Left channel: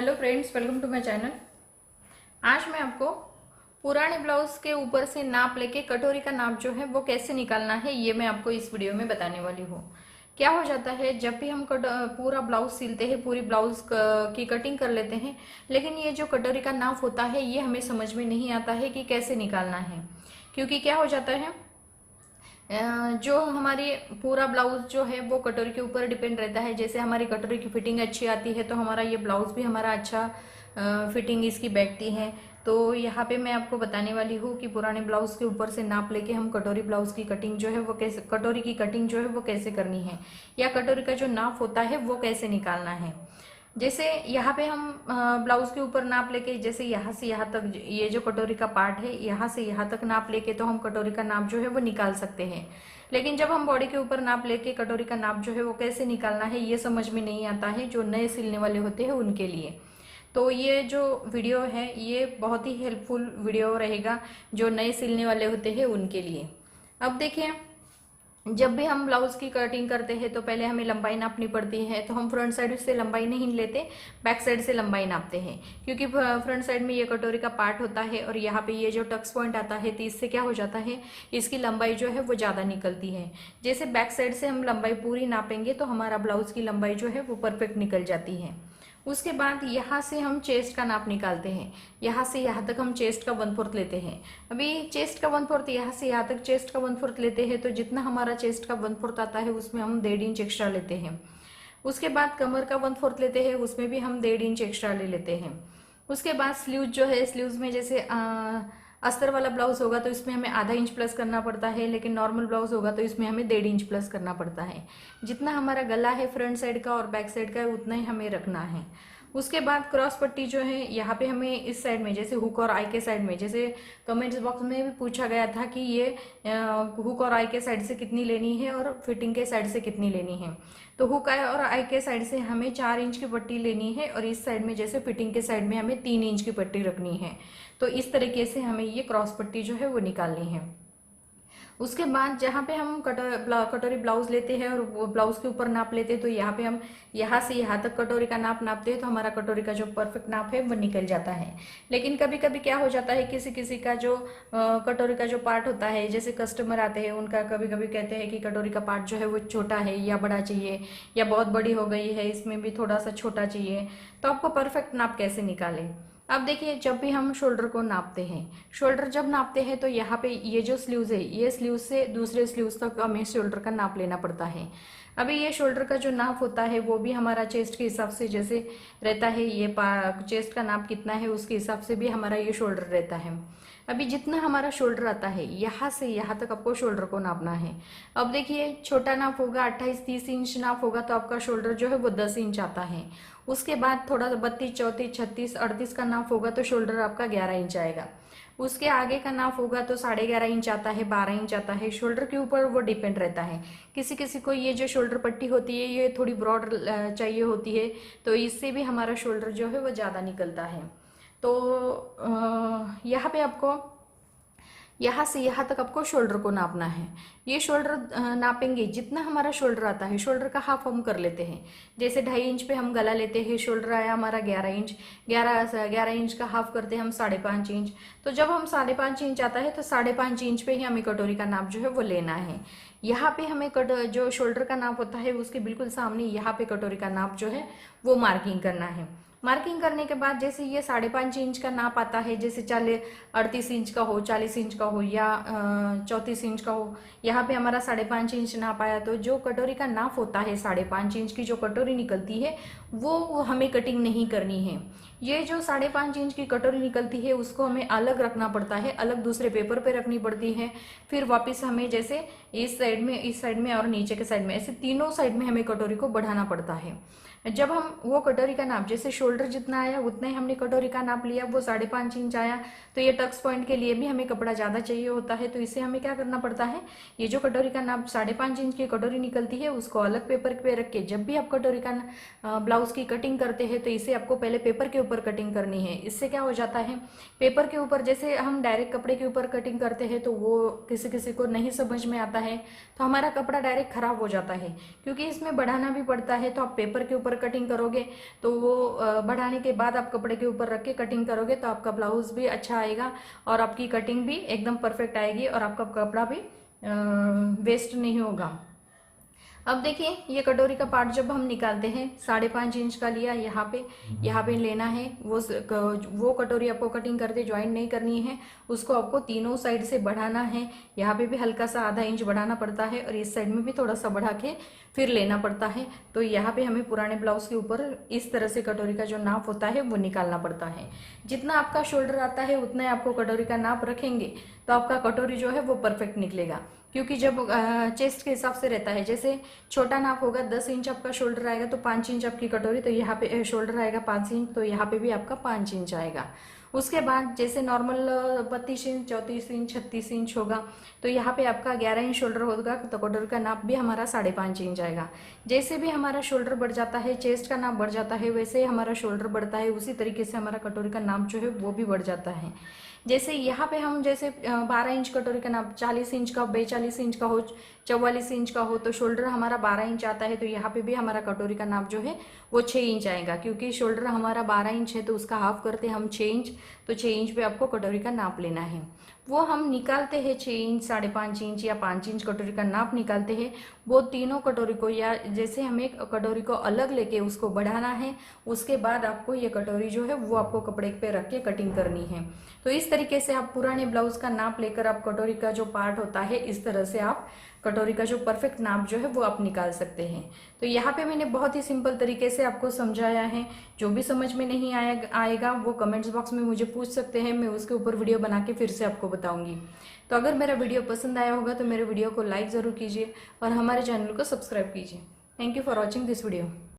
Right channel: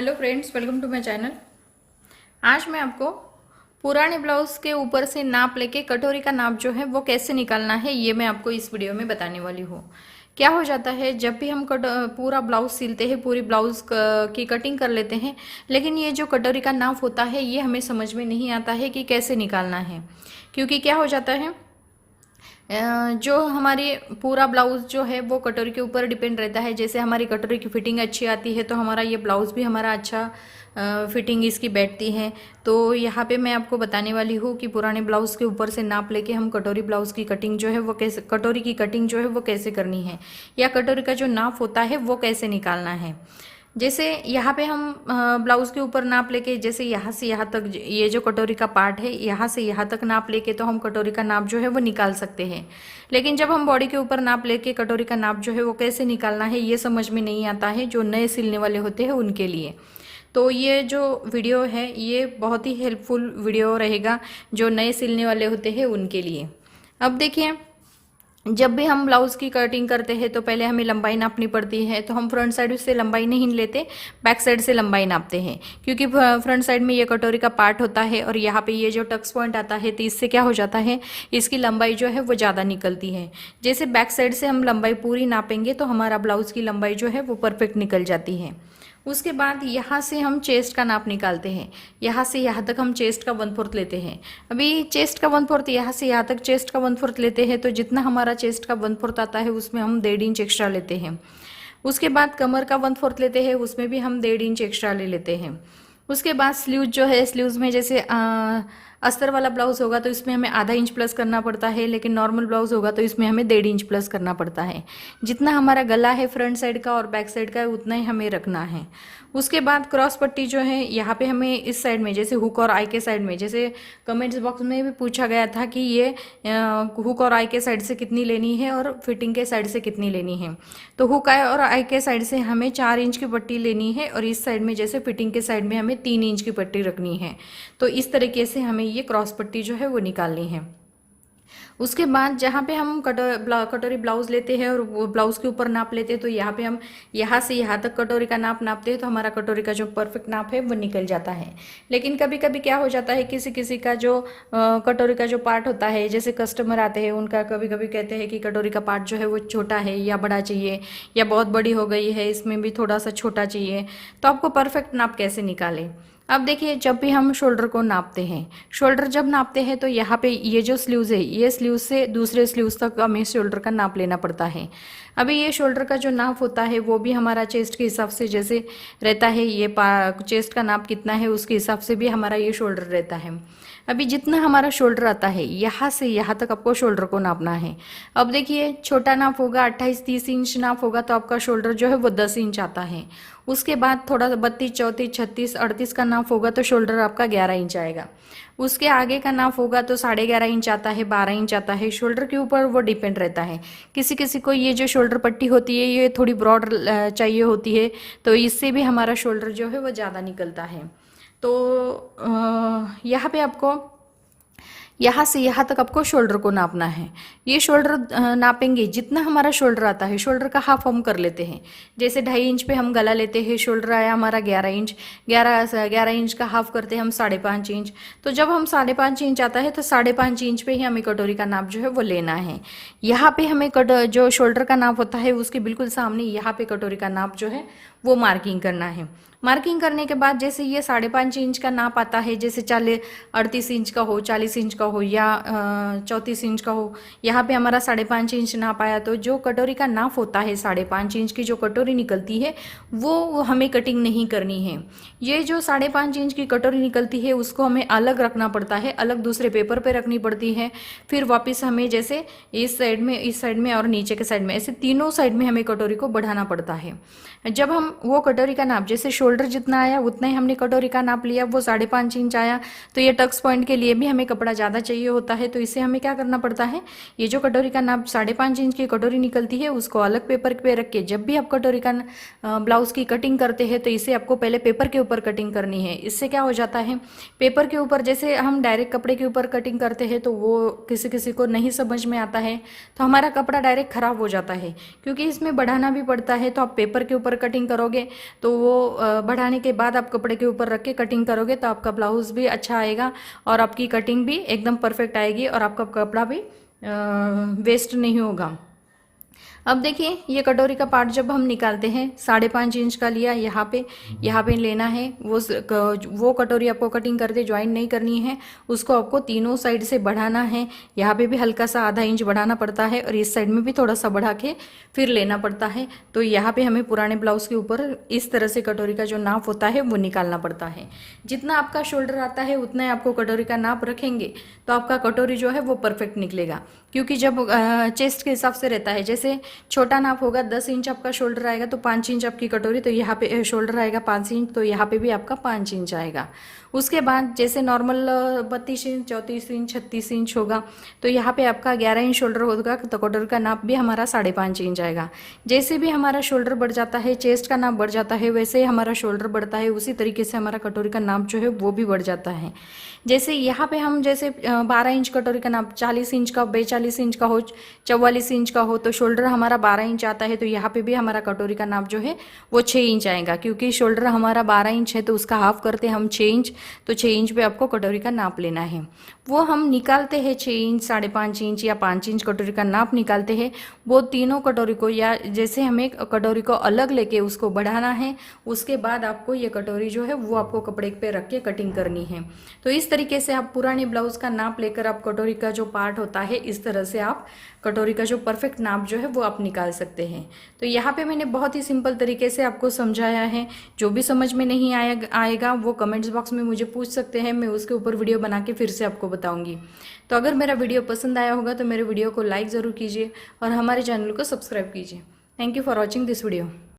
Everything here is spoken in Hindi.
Hello friends, welcome to my channel. आज मैं आपको पुराने ब्लाउज के ऊपर से नाप लेके कटोरी का नाप जो है वो कैसे निकालना है, ये मैं आपको इस वीडियो में बताने वाली हूँ। क्या हो जाता है, जब भी हम पूरा ब्लाउज सिलते हैं, पूरी ब्लाउज की कटिंग कर लेते हैं, लेकिन ये जो कटोरी का नाप होता है ये हमें समझ में नहीं आता है कि कैसे निकालना है। क्योंकि क्या हो जाता है, जो हमारी पूरा ब्लाउज जो है वो कटोरी के ऊपर डिपेंड रहता है। जैसे हमारी कटोरी की फिटिंग अच्छी आती है तो हमारा ये ब्लाउज भी हमारा अच्छा फिटिंग इसकी बैठती है। तो यहाँ पे मैं आपको बताने वाली हूँ कि पुराने ब्लाउज के ऊपर से नाप लेके हम कटोरी ब्लाउज की कटिंग जो है वो कैसे, कटोरी की कटिंग जो है वो कैसे करनी है, या कटोरी का जो नाप होता है वो कैसे निकालना है। जैसे यहाँ पे हम ब्लाउज के ऊपर नाप लेके, जैसे यहाँ से यहाँ तक ये जो कटोरी का पार्ट है, यहाँ से यहाँ तक नाप लेके तो हम कटोरी का नाप जो है वो निकाल सकते हैं। लेकिन जब हम बॉडी के ऊपर नाप लेके कटोरी का नाप जो है वो कैसे निकालना है ये समझ में नहीं आता है, जो नए सिलने वाले होते हैं उनके लिए। तो ये जो वीडियो है ये बहुत ही हेल्पफुल वीडियो रहेगा जो नए सिलने वाले होते हैं उनके लिए। अब देखिए, जब भी हम ब्लाउज की कटिंग करते हैं तो पहले हमें लंबाई नापनी पड़ती है। तो हम फ्रंट साइड से लंबाई नहीं लेते, बैक साइड से लंबाई नापते हैं। क्योंकि फ्रंट साइड में ये कटोरी का पार्ट होता है और यहाँ पे ये जो टक्स पॉइंट आता है, तो इससे क्या हो जाता है, इसकी लंबाई जो है वो ज़्यादा निकलती है। जैसे बैक साइड से हम लंबाई पूरी नापेंगे तो हमारा ब्लाउज की लंबाई जो है वो परफेक्ट निकल जाती है। उसके बाद यहाँ से हम चेस्ट का नाप निकालते हैं। यहाँ से यहाँ तक हम चेस्ट का 1/4 लेते हैं। अभी चेस्ट का 1/4, यहाँ से यहाँ तक चेस्ट का 1/4 लेते हैं, तो जितना हमारा चेस्ट का 1/4 आता है उसमें हम 1.5 इंच एक्स्ट्रा लेते हैं। उसके बाद कमर का 1/4 लेते हैं, उसमें भी हम 1.5 इंच एक्स्ट्रा ले लेते हैं। उसके बाद स्लीव जो है, स्लीव्स में जैसे अस्तर वाला ब्लाउज होगा तो इसमें हमें आधा इंच प्लस करना पड़ता है, लेकिन नॉर्मल ब्लाउज होगा तो इसमें हमें 1.5 इंच प्लस करना पड़ता है। जितना हमारा गला है फ्रंट साइड का और बैक साइड का उतना ही हमें रखना है। उसके बाद क्रॉस पट्टी जो है, यहाँ पे हमें इस साइड में, जैसे हुक और आई के साइड में, जैसे कमेंट्स बॉक्स में भी पूछा गया था कि ये हुक और आई के साइड से कितनी लेनी है और फिटिंग के साइड से कितनी लेनी है। तो हुक आई और आई के साइड से हमें 4 इंच की पट्टी लेनी है और इस साइड में जैसे फिटिंग के साइड में हमें 3 इंच की पट्टी रखनी है। तो इस तरीके से हमें ये क्रॉस पट्टी जो है वो निकालनी है। उसके बाद जहाँ पे हम कटोरी ब्लाउज लेते हैं और वो ब्लाउज के ऊपर नाप लेते हैं, तो यहाँ पे हम यहाँ से यहाँ तक कटोरी का नाप नापते हैं तो हमारा कटोरी का जो परफेक्ट नाप है वो निकल जाता है। लेकिन कभी कभी क्या हो जाता है, किसी किसी का जो कटोरी का जो पार्ट होता है, जैसे कस्टमर आते हैं उनका कभी कभी कहते हैं कि कटोरी का पार्ट जो है वो छोटा है या बड़ा चाहिए, या बहुत बड़ी हो गई है, इसमें भी थोड़ा सा छोटा चाहिए। तो आपको परफेक्ट नाप कैसे निकालें। अब देखिए, जब भी हम शोल्डर को नापते हैं, शोल्डर जब नापते हैं तो यहाँ पे ये जो स्लीव्स है, ये स्लीव्स से दूसरे स्लीव्स तक हमें शोल्डर का नाप लेना पड़ता है। अभी ये शोल्डर का जो नाप होता है वो भी हमारा चेस्ट के हिसाब से जैसे रहता है, ये चेस्ट का नाप कितना है उसके हिसाब से भी हमारा ये शोल्डर रहता है। अभी जितना हमारा शोल्डर आता है, यहाँ से यहाँ तक आपको शोल्डर को नापना है। अब देखिए, छोटा नाप होगा 28-30 इंच नाप होगा तो आपका शोल्डर जो है वो 10 इंच आता है। उसके बाद थोड़ा 32, 34, 36, 38 का नाप होगा तो शोल्डर आपका 11 इंच आएगा। उसके आगे का नाप होगा तो 11.5 इंच आता है, 12 इंच आता है। शोल्डर के ऊपर वो डिपेंड रहता है। किसी किसी को ये जो शोल्डर पट्टी होती है ये थोड़ी ब्रॉड चाहिए होती है, तो इससे भी हमारा शोल्डर जो है वो ज़्यादा निकलता है। तो यहाँ पे आपको यहाँ से यहाँ तक आपको शोल्डर को नापना है। ये शोल्डर नापेंगे, जितना हमारा शोल्डर आता है, शोल्डर का हाफ हम कर लेते हैं। जैसे 2.5 इंच पे हम गला लेते हैं, शोल्डर आया हमारा 11 इंच, 11 इंच का हाफ करते हैं हम 5.5 इंच। तो जब हम 5.5 इंच आता है तो 5.5 इंच पे ही हमें कटोरी का नाप जो है वो लेना है। यहाँ पे हमें जो शोल्डर का नाप होता है उसके बिल्कुल सामने यहाँ पे कटोरी का नाप जो है वो मार्किंग करना है। मार्किंग करने के बाद जैसे ये 5.5 इंच का नाप आता है, जैसे 38 इंच का हो, 40 इंच का हो या 34 इंच का हो, यहाँ पे हमारा 5.5 इंच नाप आया, तो जो कटोरी का नाप होता है 5.5 इंच की जो कटोरी निकलती है वो हमें कटिंग नहीं करनी है। ये जो 5.5 इंच की कटोरी निकलती है उसको हमें अलग रखना पड़ता है, अलग दूसरे पेपर पे रखनी पड़ती है। फिर वापस हमें जैसे इस साइड में और नीचे के साइड में, ऐसे तीनों साइड में हमें कटोरी को बढ़ाना पड़ता है। जब हम वो कटोरी का नाप, जैसे शोल्डर जितना आया उतना ही हमने कटोरी का नाप लिया, वो 5.5 इंच आया, तो ये टक्स पॉइंट के लिए भी हमें कपड़ा ज़्यादा चाहिए होता है। तो इसे हमें क्या करना पड़ता है, ये जो कटोरी का नाप 5.5 इंच की कटोरी निकलती है उसको अलग पेपर पे रख के, जब भी आप कटोरी का ब्लाउज की कटिंग करते हैं तो इसे आपको पहले पेपर के ऊपर कटिंग करनी है। इससे क्या हो जाता है, पेपर के ऊपर जैसे हम डायरेक्ट कपड़े के ऊपर कटिंग करते हैं तो वो किसी किसी को नहीं समझ में आता है, तो हमारा कपड़ा डायरेक्ट खराब हो जाता है। क्योंकि इसमें बढ़ाना भी पड़ता है, तो आप पेपर के ऊपर कटिंग करोगे तो वो बढ़ाने के बाद आप कपड़े के ऊपर रख के कटिंग करोगे तो आपका ब्लाउज़ भी अच्छा आएगा और आपकी कटिंग भी एकदम परफेक्ट आएगी और आपका कपड़ा भी वेस्ट नहीं होगा। अब देखिए ये कटोरी का पार्ट जब हम निकालते हैं 5.5 इंच का लिया, यहाँ पे लेना है। वो कटोरी आपको कटिंग करते ज्वाइन नहीं करनी है, उसको आपको तीनों साइड से बढ़ाना है। यहाँ पे भी हल्का सा आधा इंच बढ़ाना पड़ता है और इस साइड में भी थोड़ा सा बढ़ा के फिर लेना पड़ता है। तो यहाँ पे हमें पुराने ब्लाउज के ऊपर इस तरह से कटोरी का जो नाप होता है वो निकालना पड़ता है। जितना आपका शोल्डर आता है उतना ही आपको कटोरी का नाप रखेंगे तो आपका कटोरी जो है वो परफेक्ट निकलेगा। क्योंकि जब चेस्ट के हिसाब से रहता है, जैसे छोटा नाप होगा 10 इंच आपका शोल्डर आएगा तो 5 इंच आपकी कटोरी, तो यहाँ पे शोल्डर आएगा 5 इंच, तो यहाँ पे भी आपका 5 इंच आएगा। उसके बाद जैसे नॉर्मल 32 इंच, 34 इंच, 36 इंच होगा तो यहाँ पे आपका 11 इंच शोल्डर होगा तो कटोरी का नाप भी हमारा 5.5 इंच आएगा। जैसे भी हमारा शोल्डर बढ़ जाता है, चेस्ट का नाप बढ़ जाता है, वैसे ही हमारा शोल्डर बढ़ता है, उसी तरीके से हमारा कटोरी का नाप जो है वो भी बढ़ जाता है। जैसे यहाँ पे हम जैसे 12 इंच कटोरी का नाप 40 इंच का, 42 इंच का हो, 44 इंच का हो तो शोल्डर हमारा 12 इंच आता है, तो यहाँ पे भी हमारा कटोरी का नाप जो है वो 6 इंच आएगा। क्योंकि शोल्डर हमारा 12 इंच है तो उसका हाफ करते हैं हम 6 इंच, तो 6 इंच पे आपको कटोरी का नाप लेना है। वो हम निकालते हैं 6 इंच, 5.5 इंच या 5 इंच कटोरी का नाप निकालते हैं। वो तीनों कटोरी को, या जैसे हमें कटोरी को अलग लेके उसको बढ़ाना है, उसके बाद आपको ये कटोरी जो है वो आपको कपड़े पे रख के कटिंग करनी है। तो इस तरीके से आप पुराने ब्लाउज का नाप लेकर आप कटोरी का जो पार्ट होता है, इस तरह से आप कटोरी का जो परफेक्ट नाप जो है वो आप निकाल सकते हैं। तो यहाँ पे मैंने बहुत ही सिंपल तरीके से आपको समझाया है। जो भी समझ में नहीं आएगा वो कमेंट्स बॉक्स में मुझे पूछ सकते हैं, मैं उसके ऊपर वीडियो बना के फिर से आपको बताऊंगी। तो अगर मेरा वीडियो पसंद आया होगा तो मेरे वीडियो को लाइक ज़रूर कीजिए और हमारे चैनल को सब्सक्राइब कीजिए। Thank you for watching this video.